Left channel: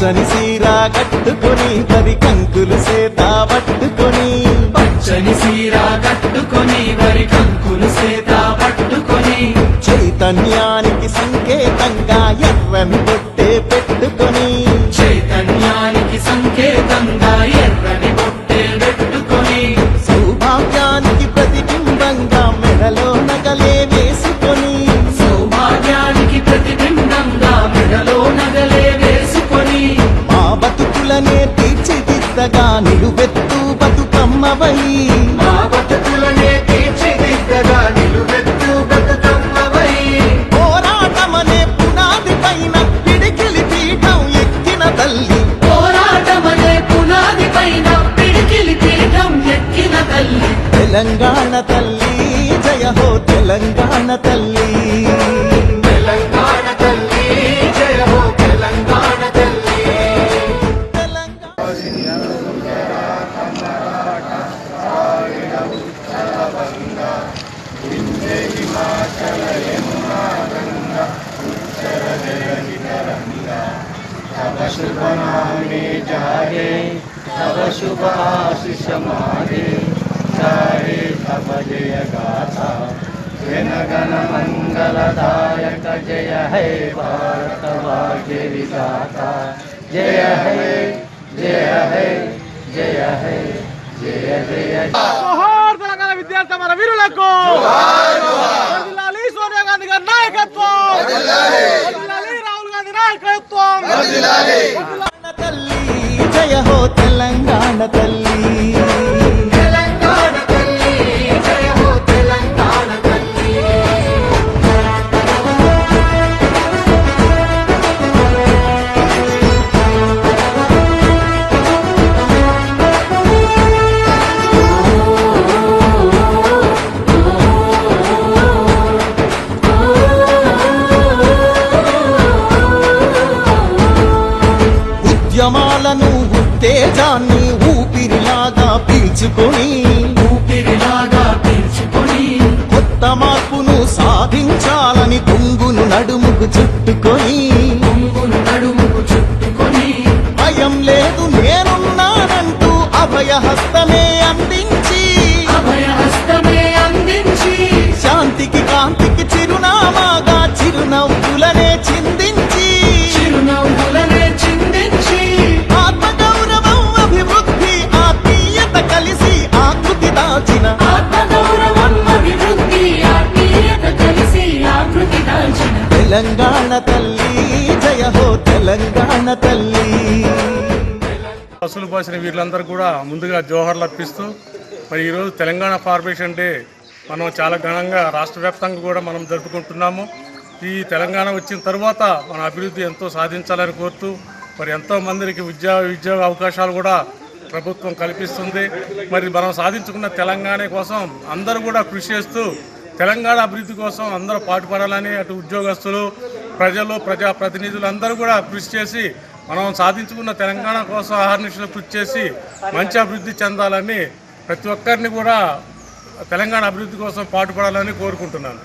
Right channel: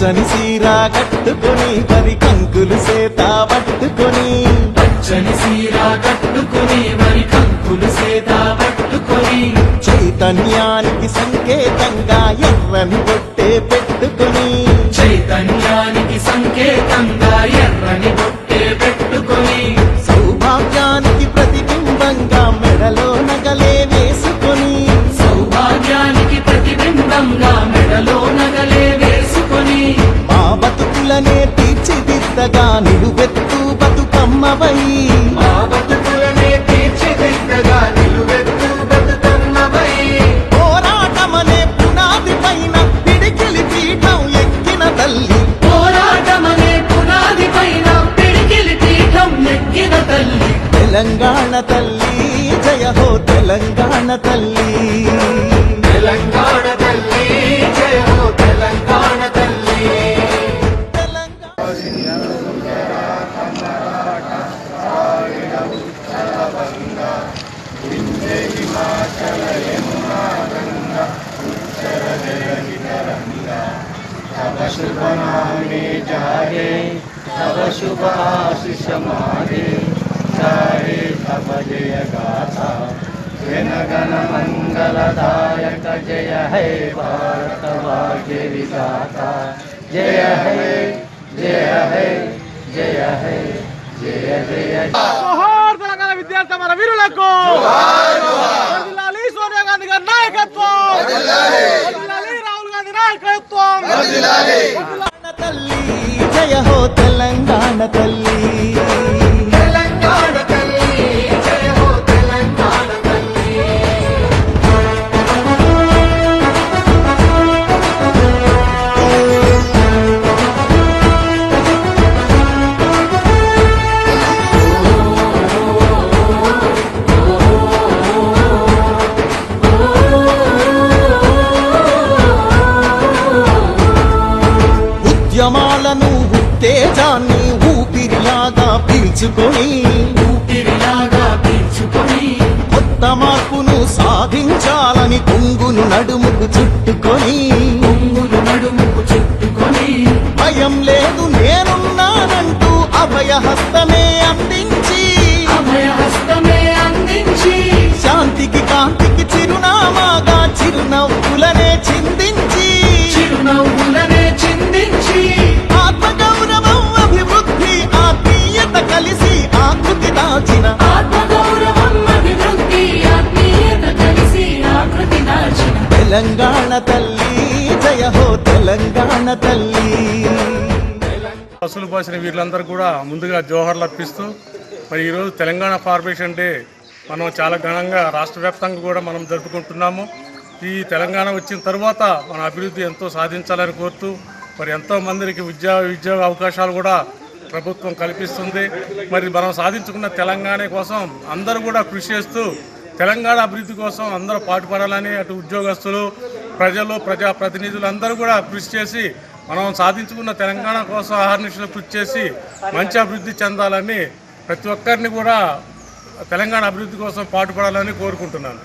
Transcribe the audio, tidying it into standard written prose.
పచ్చని సీర కట్టుకొని వరి కంకులు సేత పట్టుకొని పచ్చని సీర కట్టుకొని మరి కంకులు సేత పట్టుకొని చైతన్యానికి సంకేతంగా ఎర్రని బొట్టే పెట్టుకొని చైతన్యానికి సంకేతంగా ఎర్రని బొట్టే పెట్టుకొని సౌభాగ్యానికి ప్రతిబింబంగా మెడలో నగలే వేసుకొని సౌభాగ్యానికి ప్రతిబింబంగా మెడలో నగలే వేసుకొని మా బతుకులనే తీర్చిదిద్దగా నిలువెత్తు బతుకమ్మవై మా బతుకులనే తీర్చిదిద్దగా నిలువెత్తు బతుకమ్మవై పోరాటమనే పునాది పైన పిడికిలి పీఠం ఎక్కిన తల్లి పోరాటమనే పునాది పైన పిడికిలి పీఠం ఎక్కిన తల్లి తెలంగాణ తల్లి జయ హో తెలంగాణ తల్లి తెలంగాణ తల్లి జయ హో తెలంగాణ తల్లి शुभ नामे जागे तब शुभ आशीष मागे सारे तब जय गाथा जन गण मंगलदायक जय है भारत भाग्य विधाता जय है जय है जय है जय जय జోహార్ తెలంగాణ విద్యార్థి మన వీరులకు వర్ధిల్లాలి సోనియా గాంధీ గారి నాయకత్వం వర్ధిల్లాలి రాహుల్ గాంధీ నాయకత్వం వర్ధిల్లాలి తల్లి జయ హో తెలంగాణ తల్లి తెలంగాణ తల్లి జయ హో తెలంగాణ తల్లి ఉద్యమాలను ఉత్తేజాన్ని ఊపిరిలాగా పీల్చుకొని ఊపిరిలాగా పీల్చుకొని కొత్త మార్పును సాధించాలని కొంగును నడుముకు చుట్టుకొని కొంగులు నడుముకు చుట్టుకొని భయం లేదు నేనున్నానంటూ అభయహస్తమే అందించి అభయహస్తమే అందించి శాంతికి కాంతికి చిరునామాగా చిరునవ్వులనే చిందించి చిరునవ్వులనే చిందించి ఆత్మగౌరవం అభివృద్ధి ఆత్మీయత కలిసి ఆకృతి దాచిన ఆత్మగౌరవం అభివృద్ధి ఆత్మీయత కలిసి ఆకృతి దాచిన తెలంగాణ తల్లి జయ హో తెలంగాణ తల్లి అసలు పోసిన వీళ్ళందరూ కూడా ముందుగా జోహర్లు అర్పిస్తూ మరి ఈరోజు తెలంగాణ ఫార్మేషన్ డే మనం చాలా ఘనంగా రాష్ట్ర వ్యాప్తంగా కూడా మనం జరుపుకుంటున్నాము. ఈ తెలంగాణ వచ్చిన తర్వాత మన అభివృద్ధి ఎంతో సాధించాలని కోరుతూ మరి ఎంతో మందికి ఉద్యోగ అవకాశాలు కూడా ప్రభుత్వం కల్పిస్తుంది. మరి మనం సాధించుకున్న తెలంగాణ కోసం అందరూ కూడా కృషి చేస్తూ తెలంగాణ అభివృద్ధి కోసం అందరూ పాటుపడాలని అటు ఉద్యోగస్తులు ప్రజలు ప్రజాప్రతినిధులు అందరూ కూడా కృషి చేసి మనం సాధించుకున్న తెలంగాణ కోసం అహర్నిశలు కృషి చేసి మంచి అభివృద్ధి చెందాలని ప్రతి ఒక్కరిని కూడా తెలంగాణ అభివృద్ధి కోసం పాటుపడాలని కోరుకుంటున్నాను.